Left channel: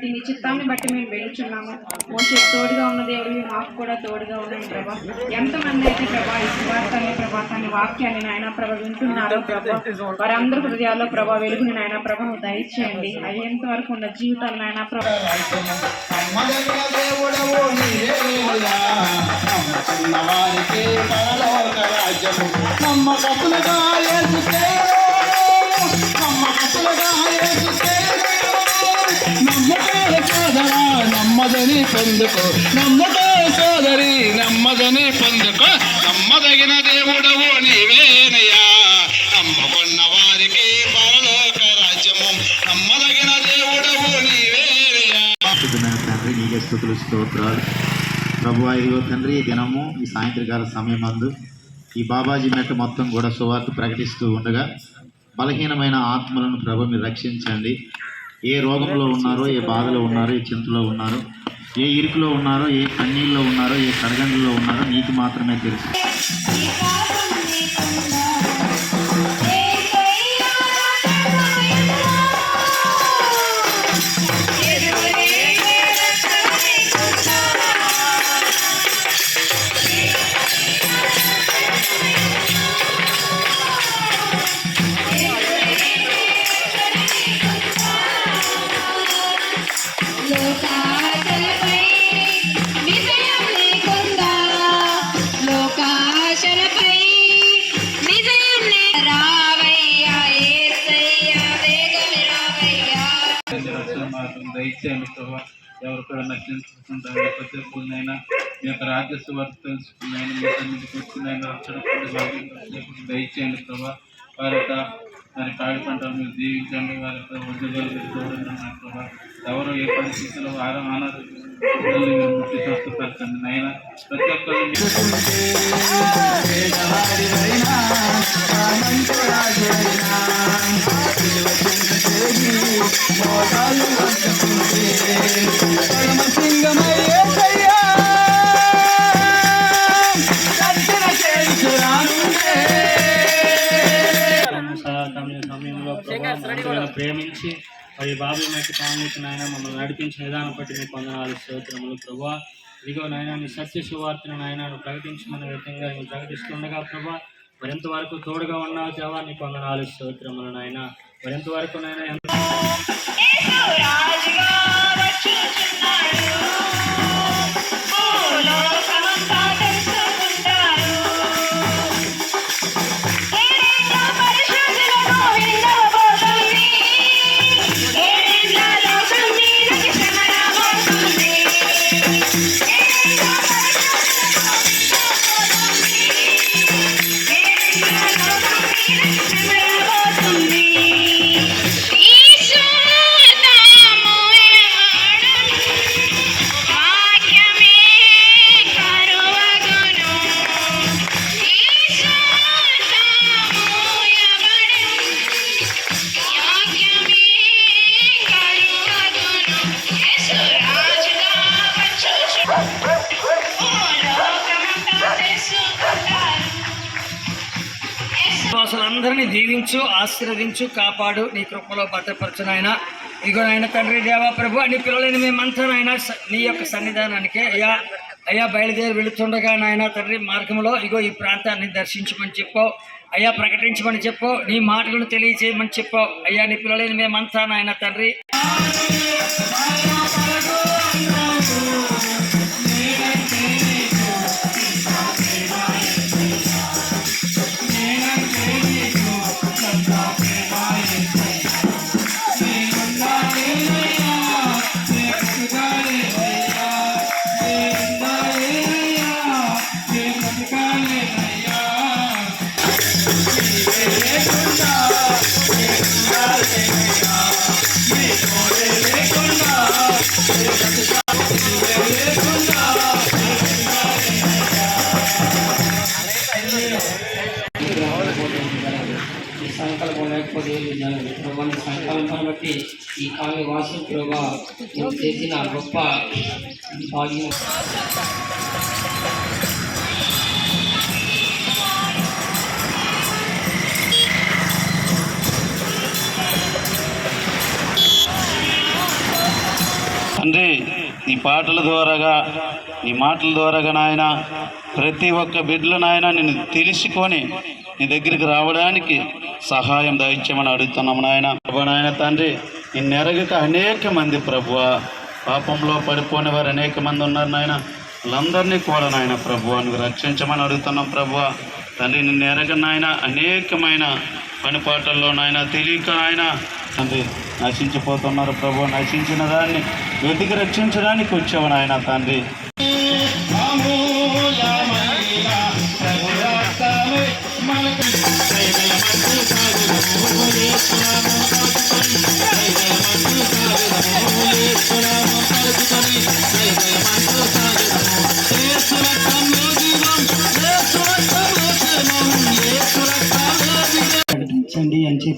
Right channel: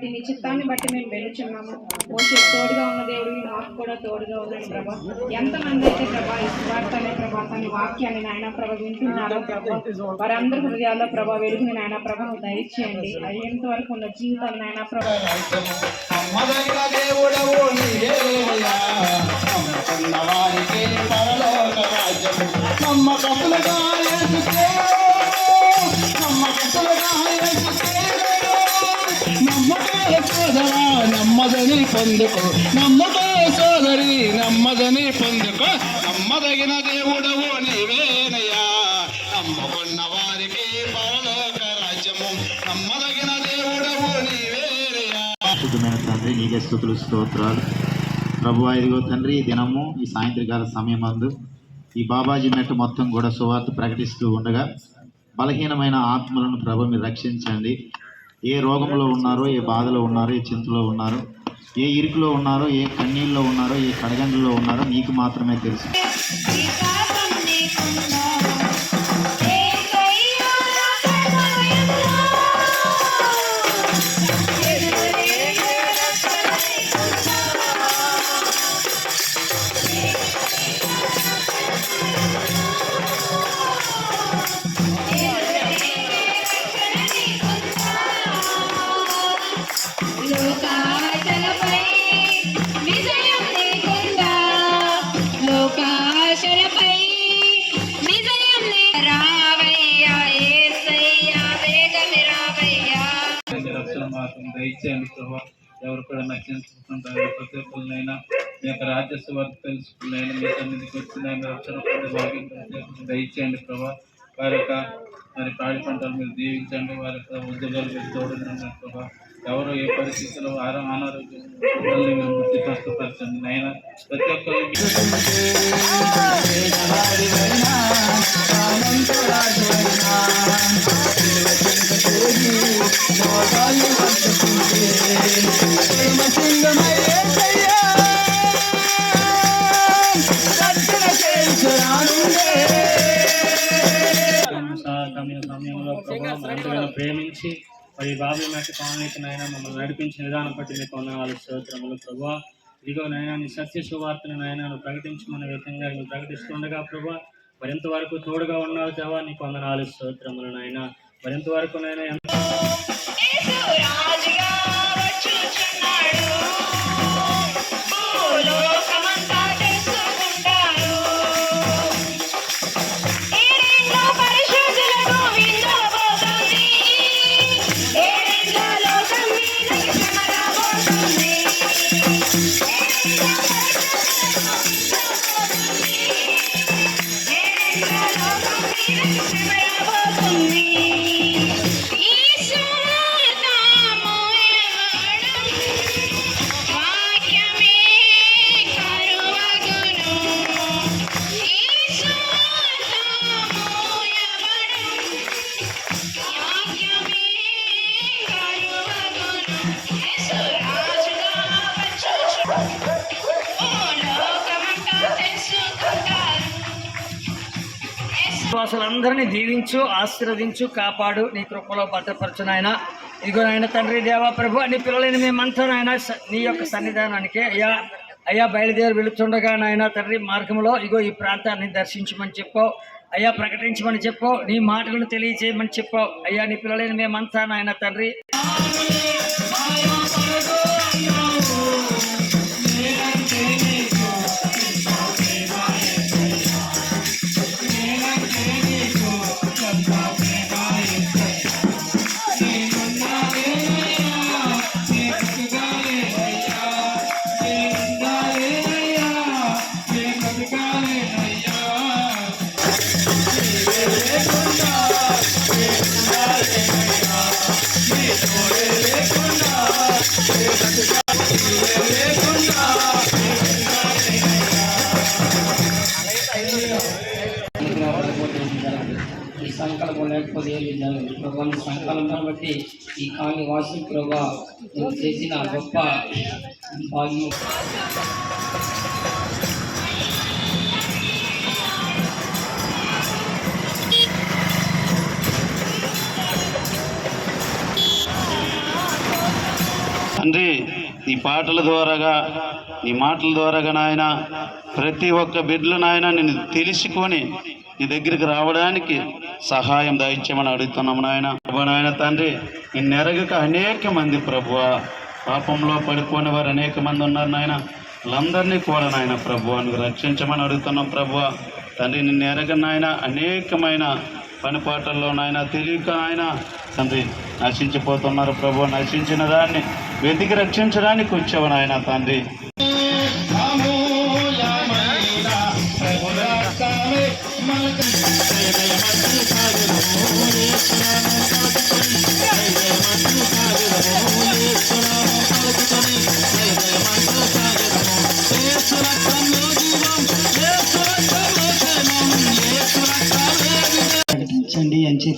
బట్టి నీ చిత్తాన్ని బట్టి మేము వెళ్తున్నాము మోసే తోడుగా ఉన్న దేవుడివి మాకు కూడా తోడుగా ఉన్నాను ప్రభా. ఎంతమంది అయితే ప్రభా ఈ సువార్తని ప్రభా తన వాక్యాన్ని నాయన ప్రభ వింటున్నారు ప్రభా. వారందరి హృదయాల్లో ప్రభా వెలుగుని నాయన ప్రభ దయచేయండి. అయ్యేంత వరకు ఉన్న జీవితాలు నాయన ప్రభా? నమ్మదగిన పొందుకో నమ్మకే సోదరి నమ్మదని పొందుకో నమ్మదగిన దేవుడవు నీవేనయ్యా నమ్మకున్న వారికి పరలోక రాజ్యము నమ్మదగిన దేవుడవు నీవేనయ్యా తండ్రి నీకే స్థుతులు స్తోత్రాలు. ప్రభు ఇదిగో తండ్రి దినము ఈ సాయంత్రకాల సమయం అందు ఈ బాబాజీ మెట్ట మొత్తం కూడా సువార్త ప్రకటిస్తూ ఉండగా బలహీనమైన ఆత్మలను ప్రభు మీరు రక్షించండి. ఏ రోగంలో ఉన్నారో ఏ బాధలో ఉన్నారో ఏ చింతలో ఉన్నారో ఏ ఇరుకులో ఉన్నారో ఏ కన్నీళ్ళలో ఉన్నారో ఏ కడగండ్లలో ఉన్నారో నీకు మాత్రమే తెలుసు. రక్షణ దయచేయండి ప్రభా ఎవరు కూడా నశించుకుంటారు ప్రతి ఒక్కరినైనా మీ యొక్క రాజ్య సువార్త తెలుసుకున్నైనా మీ తమ్మిదికి వచ్చినైనా రక్షణ దయచేయండి ప్రభా. వారి యొక్క మరి పాడి పంటలు మీరు దీవించండి వారి యొక్క ఉద్యోగాలు మీరు తోడుండండి ప్రభా. ఎవరు ఏ పరిస్థితిలో ఆరో అనారోగ్యం మీరు ముట్టి స్వస్థపరచండి నాయన ప్రతి ఒక్కరు సమయ సమయంలో ప్రభావ ప్రేమించి మరి బాబు నాకు కాంగ్రెస్ నాయన మమ్మల్ని నడిపించిన విధానం బట్టి మీకు వందనాలు స్తోత్రములు ప్రభా. ఇదిగో నాయన నీ సత్య సువార్తను నాయన నువ్వు ప్రకటించమన్న విధంగా నువ్వు ప్రకటిస్తుండగా ప్రభా మరింత వరకు తోడుగా ఉన్నావు దేవా నీకు వందనాలు స్తోత్రములు నాయన. మరింత వరకు నాయన విశ్వాసులందరినీ దీవించు ఆశీర్వదించు కాపాడు. నీ కృపలో భద్రపరచు నాయన. ఇదిగో నాయన తండ్రి దేవా ప్రభు నీ పిల్లలైన మేమంతా నాయన స- నీ యొక్క సన్నిధానానికి అయ్యా అయ్యా బయలుదేరి వెళుతుండగా నాయన తండ్రి మార్గంలో ఇగో ఈ ప్రాంతాన్ని దర్శించమని చెప్పావు అయ్యా ప్రకటించమని చెప్పావు నీ మాటలను తెలియజేయమని చెప్పావు అయ్యా నీ పిల్లలైన మేమంతా నాయన తండ్రి. సంకల్పం లేకపోతే ఏమి జరగదు. ప్రభా సంకల్పాన్ని బట్టి ఈ కాలనీ వాసు ప్రభా నువ్వు చేసిన గొప్ప భాగ్యం. నీ పాటల ద్వారాగా నీ మాటల ద్వారాగా నాయన ప్రతి ఒక్క బిడ్డలు నాయన నేను తెలుసుకొని నీ దగ్గరికి రావడానికి సహాయం దయచేయమని అడుగుతున్నాము నాయన. నాయన తండ్రి నిన్ను ఎరగక అనేక మంది ప్రభువ పాపంలో పడిపోయిన వారు అనేక మంది ఉన్నారు నాయన. వాళ్ళందరినీ కోర నాయన ప్రభువ నువ్వు రక్షించమని అడుగుతున్నాం ప్రభువ. తండ్రి నిన్ను ఎరగ నాయన అనేకమైన పనిపాటల్లో నాయన తెలియక నాయన తండ్రి నశించిపోతున్నారు ప్రభు నశించిన దాన్ని వెతికి రక్షించడానికి వచ్చావు నాయన తండ్రి. ప్రకటించండి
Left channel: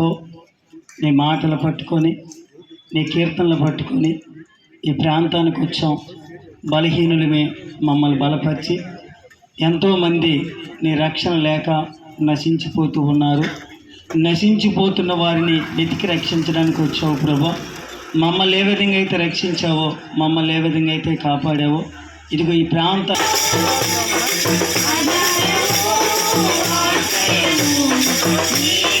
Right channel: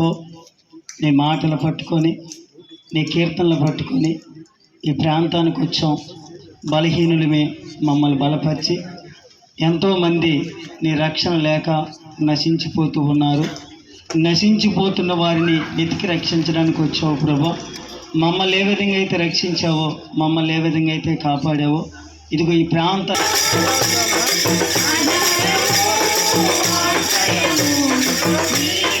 అని నీ మాటలు పట్టుకొని నీ కీర్తనలు పట్టుకొని ఈ ప్రాంతానికి వచ్చాం. బలహీనులమే మమ్మల్ని బలపరిచి ఎంతోమంది నీ రక్షణ లేక నశించిపోతూ ఉన్నారు. నశించిపోతున్న వారిని వెతికి రక్షించడానికి వచ్చావు ప్రభా. మమ్మల్ని ఏ విధంగా అయితే రక్షించావో మమ్మల్ని ఏ విధంగా అయితే కాపాడావో ఇదిగో ఈ ప్రాంత తండ్రి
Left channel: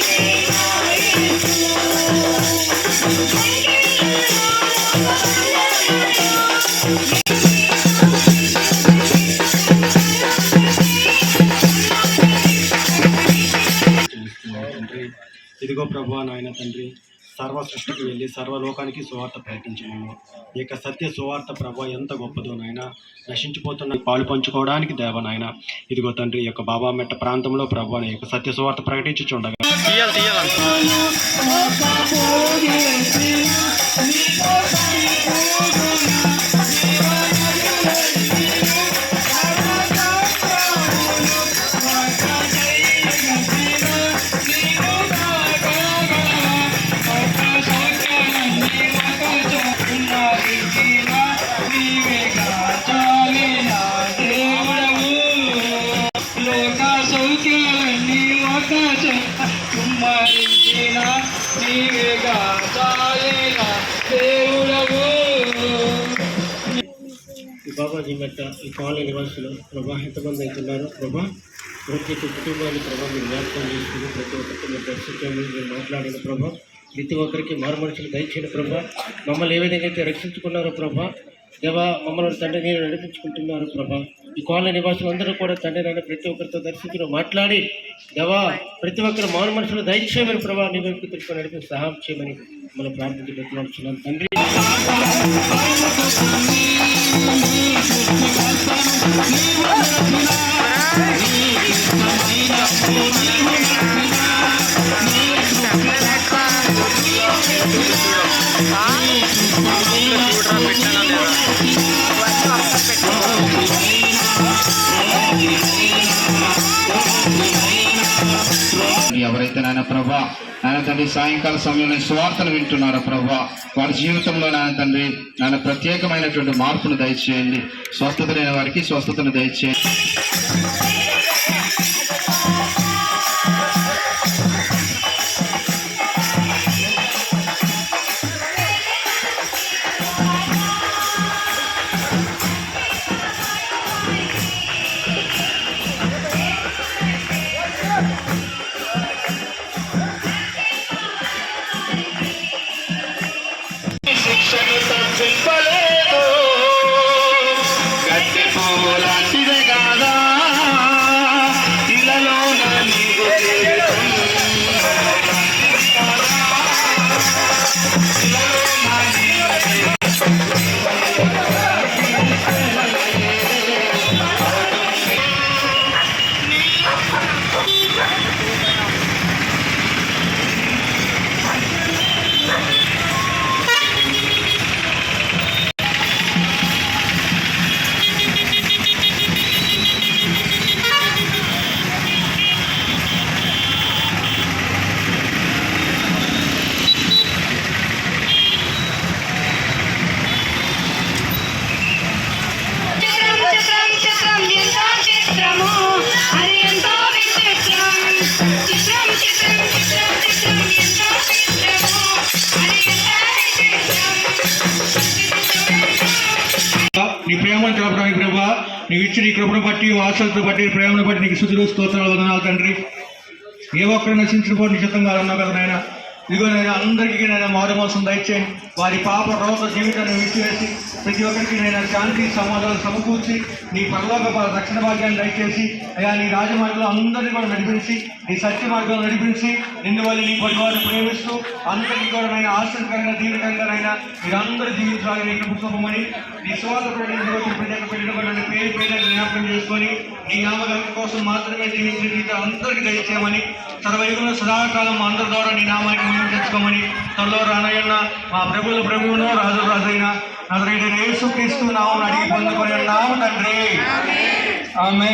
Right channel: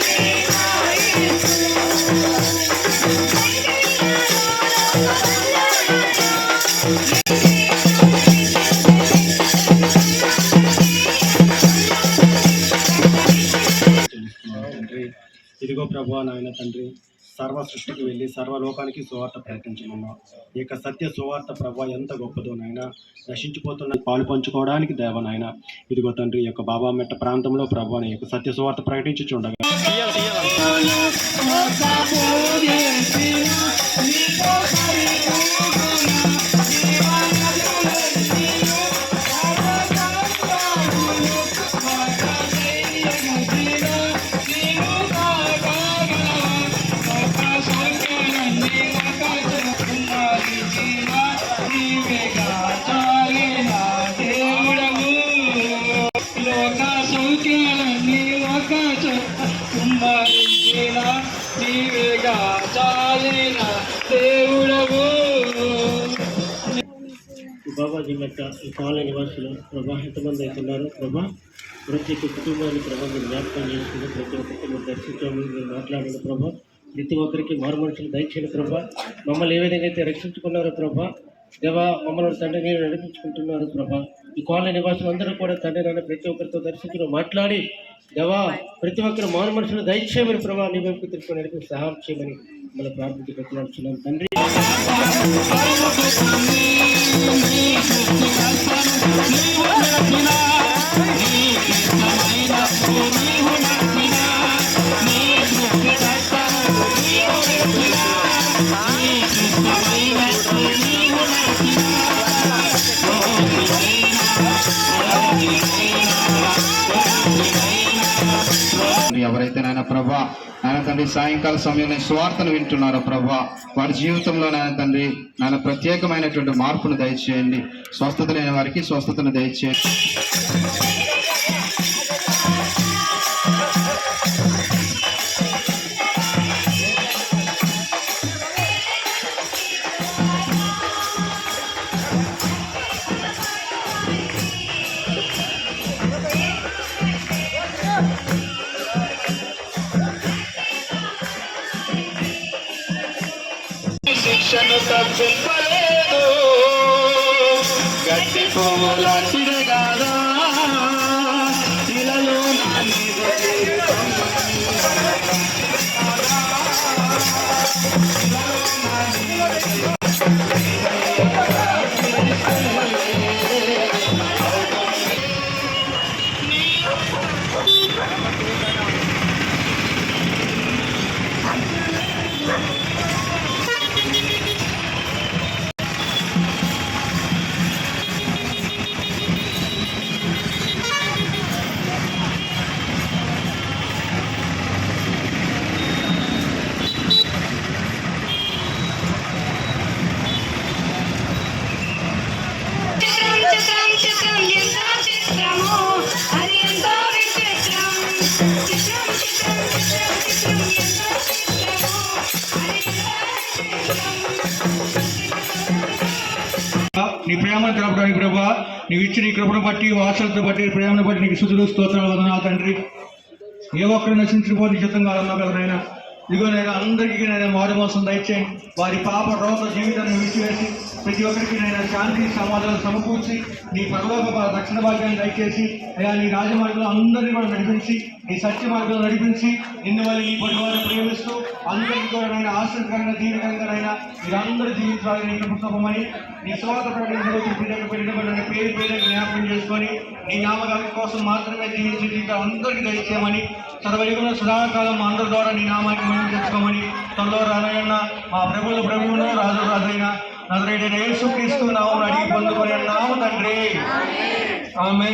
ఇదిగో ప్రభా నాయన తండ్రి సర్వ సృష్టికి వెళ్ళి సర్వలోకానికి సువార్త ప్రకటించమన్నా ఈ యొక్క సత్య సువార్త ప్రభు ఎంత గొప్పదో నాయన. నశించిపోతున్న పాలు పంచుకోవడానికి దేవ నాయన. ఇదిగో తండ్రి యొక్క బాబా మెట్ట ప్రాంతంలో ప్రభా యొక్క సత్య సువార్త ప్రకటించుండగా ఈ బాబాజీ ఈ కాలనీ నివాసులు ప్రభా ఎంతమంది అవుతున్నారో? ప్రభా ప్రతి ఒక్క కుటుంబాన్ని ప్రభా మీరు జ్ఞాపకం చేసుకుని ప్రతి ఒక్కరికి మీరు దర్శించాము మీరు మాట్లాడిన ప్రభా. ప్రతి ఒక్కరికి మారు మనుషులు దయచేయండి ప్రభా. మమ్మల్ని ఏ విధంగా అయితే రక్షించుకున్నారో ప్రభా దేవా మమ్మల్ని తండ్రి నేను నడిపించుకుంటున్నారు ప్రభా. ఈ కాలనీ నివాసులు అందరూ కూడా తండ్రి నన్ను ప్రతి ఒక్కరితో దర్శించిన మాట్లాడి దేవా ప్రతి ఒక్కరు మారు మనుషులు దయచేయమని ప్రభా నీ వైపు తిరుగుకొని నడిపి సహాయం చేయమని మనం ప్రార్థించి పెట్టుకుంటున్నాం తండ్రి. ఎవరైతే తండ్రి సాయంకాల సమయంలో స్వార్థను వింటున్నారు ప్రభా? వారి జీవితంలో నాయన తండ్రి నాయన ప్రత్యేకమైనటువంటి మార్పును దయచేయండి. స్వస్థత లేని వారికి స్వస్థతను దయచేయండి. ಶಿಕ್ಷಣ ತಪ್ಪಿಸಲೇನು నీ ప్రేమను తెలపడానికి ప్రభా నీవు ఇచ్చిన ఈ కృపను బట్టి వాసలతో బట్టి ప్రేమను బట్టి నీకు శుద్ధులు స్తోత్రాలు వదనాలు తండ్రి. ఏ ఒక్కరు నశించుకోని చిత్తం అన్నావు కదా నాయన. ఇదిగో నేను అందరికీ నేను మారుమోసం దయచేయండి వారి పాప రోత జీవితాన్ని విడిచివేసి ప్రతి ఒక్కరికి నేను శాంతి సమాధానం సమకూర్చి నీ పరలోక దక్షిణ భాగ్యాన్ని దయచేసి అయ్యా నీ రాజమార్గంలో అందరినీ కూడా నడిపించి నీ సత్య మార్గంలో నడిపించి నిన్ను వాళ్ళు నీ పరివారం ప్రేమిస్తూ అందరికీ కూడా నేను ఆశ్చర్యకరంగా దీనికంగానైనా మీరందరూ జీవించాలని నీకు పుస్తకమని నీ స్వాత ప్రకటించబట్టి ప్రజలకు పెట్టిన పేరు పేరు జ్ఞాపకం చేసుకొని నీ నామకాల కోసం మాత్రమే జీవించిన జీవితం అందరికీ దయచేయమని సర్వయుగంలో సదాకాలం మా అందరి ద్వారా నీ నామానికి మేము తెచ్చుకోమని త్వరలో రానయ్యన్న మా ప్రభువుల ప్రభువును రాజు రాజైన నజరేయుడైన యేసు క్రీస్తు నామం అడిగి పొందుకొని తండ్రి. ఆమె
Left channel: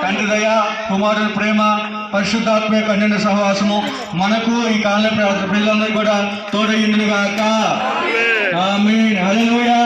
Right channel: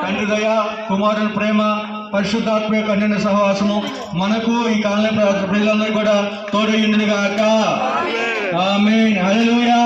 తండ్రి దయ కుమారుని ప్రేమ పరిశుద్ధాత్మ కన్యన సహవాసము మనకు ఈ కాలనీ ప్రజలందరికీ కూడా తోడయ్యిండును గాక ఆమె హల్లెలూయా